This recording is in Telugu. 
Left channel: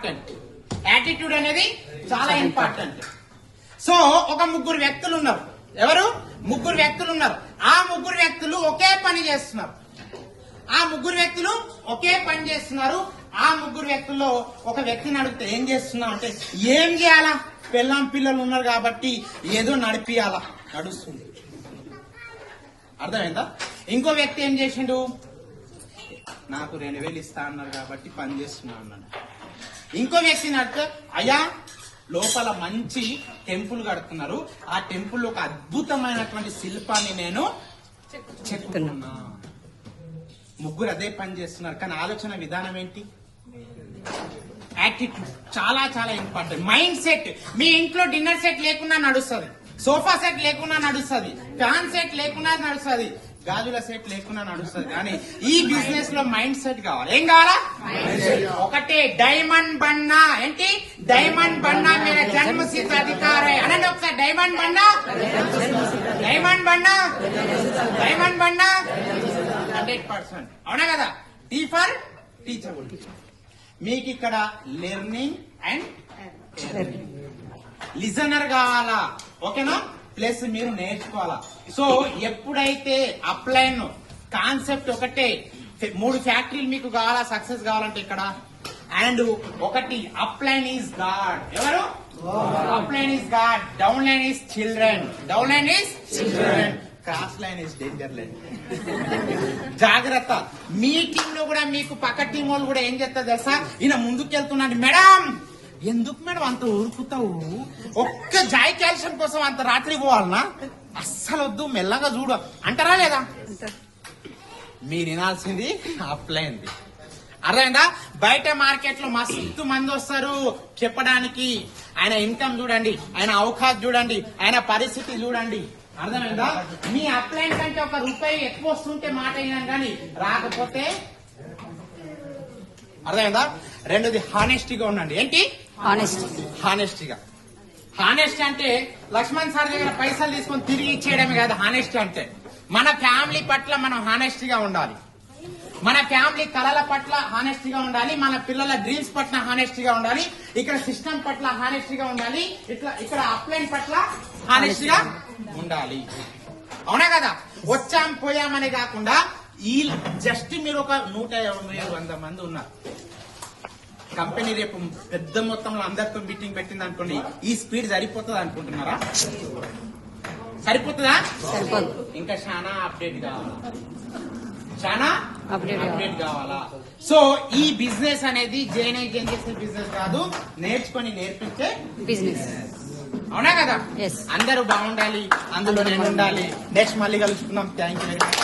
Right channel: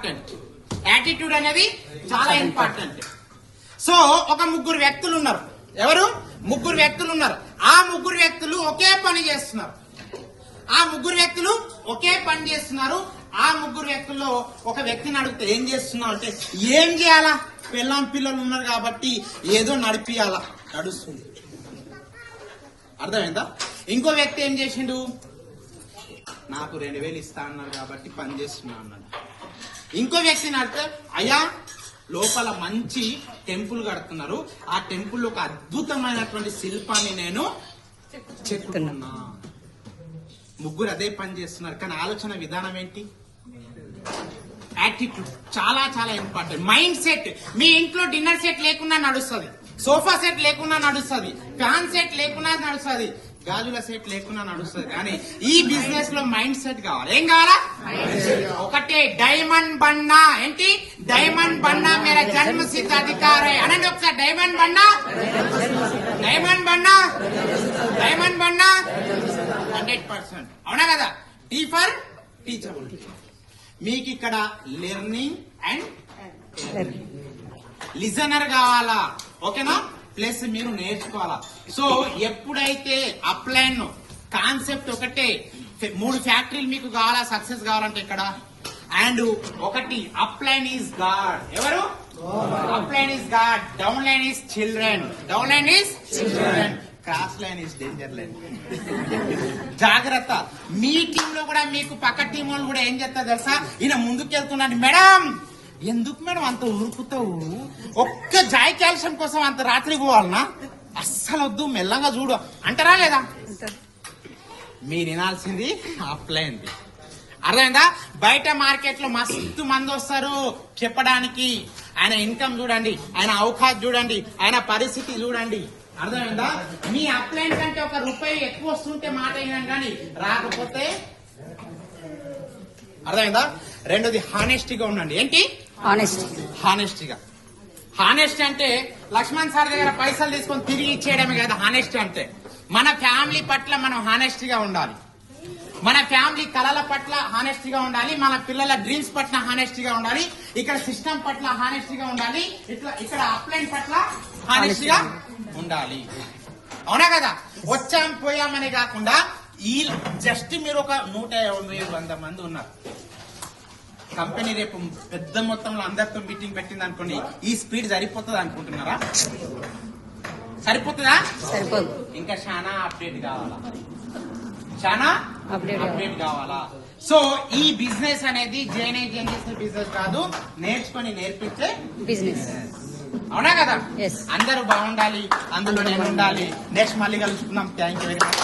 ఇంపార్టెంట్. యాటిట్యూడ్ అనేది చాలా ఇంపార్టెంట్. సో ఒక ముగ్గురు వ్యక్తులు ఉన్నారు. ఎవరు? ముగ్గురు వ్యక్తులు ఉన్నారు. ఆ ముగ్గురు వ్యక్తులు ఒకే పని చేస్తున్నారు. ఆ ముగ్గురు వ్యక్తులు ఒకే పని చేస్తున్నారు. ఆ ముగ్గురు వ్యక్తుల్లో ఒక వ్యక్తిని అడిగితే ఏం చేస్తున్నావు అంటే, ఏం చేయాలా, పిల్లం పిల్లలు ఉన్నారు కాబట్టి ఏదో నడిపియాలా, నడుస్తుంది. అర్థమైందా? ఇంకో వ్యక్తి ఏం చేసిండు, నాకు 2000 ఇస్తా అన్నారు కాబట్టి పని చేస్తున్నా అన్నాడు. ఇంకో వ్యక్తిని అడిగితే, అయ్యా లోపల మంచి టెంపుల్ కడుతున్నారు, ఆ టెంపుల్ ఒక అద్భుతమైనటువంటి శిల్పాన్ని నేను చెప్తున్నా. ముగ్గురు అదే పని చేస్తున్నారు, కానీ ఆలోచన విధానం ఏంటి? యాటిట్యూడ్ చాలా చాలా ఇంపార్టెంట్. Mind set. మీ ఇంట్లో డిన్నర్ సెట్ లేకున్నా నడుస్తుంది, సోఫా సెట్ లేకున్నా నడుస్తుంది, ఫ్యాన్ సెట్ లేకున్నా నడుస్తుంది, గాజుల సెట్ లేకున్నా నడుస్తుంది, కానీ ఈ బిజినెస్ లో మైండ్ సెట్ కావాలి. ఏం కావాలా? ఒకటే డైమండ్ బన్నా. ఏంటి? డైమండ్ బన్నా మేరా జన్మ సిద్ధ అధికారే అనండి ఒకసారి. డైమండ్ బన్నా, డైమండ్ బన్నా, డైమండ్ బన్నా 100%. అవునా కదా? T for teachable. మీకు ఇక్కడ లెర్నింగ్ అండ్ లిజనర్ కావాలా, ఓకేనా? ప్లస్ మీరు నేర్చుకోవాలా. సో ఎప్పుడైతే అప్లైన్ కాన్సెప్ట్ ఒకటే, 3 ఫ్యాక్టరీలు మీకు కావాలా సక్సెస్ కావాలంటే ఇక్కడ. అండ్ ఒకటి అప్లైన్ ఈజ్ గాడ్. ఎవరు? Upline is God, down line is children, down line is children, cross line is danger line. జాగ్రత్త. మీ టీమ్ లో కూడా మీకు పక్క టీం వాళ్ళు కూడా ఏం చేస్తారు తెలుసా, ఈయన ముందుకు వెళ్తున్నాడు, మేడం ఎందుకు మేడం అంత ఊరుకుతావు, ఒక్క జాయ్ క్యాల్షియం కోసం అంత రాత్రి పోవాలనా, అస్సలు వద్దు మెల్లగా చూడు అంటారా లేదా? మీరు వినాల్సింది అప్లైన్. అర్థమైందా? బయట మార్కెట్ లో మస్తు మంది వస్తారు చెప్పడానికి. ఆయన ఇన్కమ్ చూడండి, ఆయన అవకాశం చూడండి, ఆయన పరిస్థితి చూడండి. అర్థమైందా? మీ అప్లైన్ కంటే ₹1 ఎక్కువ వస్తుంటే మాట అయినా కానీ రాకపోతే. అర్థమైందా? రెండోది హానెస్టీగా ఉండండి. ఏంటి? హానెస్టీగా. హానెస్ట్ అంటే లక్ష్మణ్ సార్ దగ్గర పైసలు తీసుకొని తిరిగి ఇచ్చేయడమే కాదు హానెస్ట్ అంటే. మన ఫ్యామిలీ పట్ల మనం హానెస్టీగా ఉండాలి, మన ఫ్యామిలీ కళల పట్ల హానెస్టీగా ఉండాలి, మన పిల్లల డ్రీమ్స్ పట్ల హానెస్టీగా ఉండాలి, ఇక్కడ సిస్టమ్ పట్ల హానెస్టీగా ఉండాలి, ఇక్కడ అప్లైన్ పట్ల హానెస్టీగా ఉండాలి. అవునా కదా? వచ్చాం పోయామని కాకుండా ఈ జస్ట్ మీరు ఒక 150-100 మంది ఉన్నారు, కంపెనీ రేపు పెద్ద మొత్తంలో అందరితో మీటింగ్ పెట్టింది అనుకోండి, ఈ స్పీడ్ సరిపోతుంది అనుకుంటున్నారా? సరిపోతుందా? సరిపోదు. ఇంకా చాలా అప్డేట్ కావాలా, చాలా అప్డేట్ కావాలా. సో ఈ బిజినెస్ అనేది జైన్ బిజినెస్ కాదు, నేర్చుకొని నేర్పిస్తే బిజినెస్. అవునా కదా? అందరూ బాగుండాలి, అందులో నేను ఉండాలి. నెక్స్ట్ మళ్ళీ కలుసుకుందాం. Thank you very much.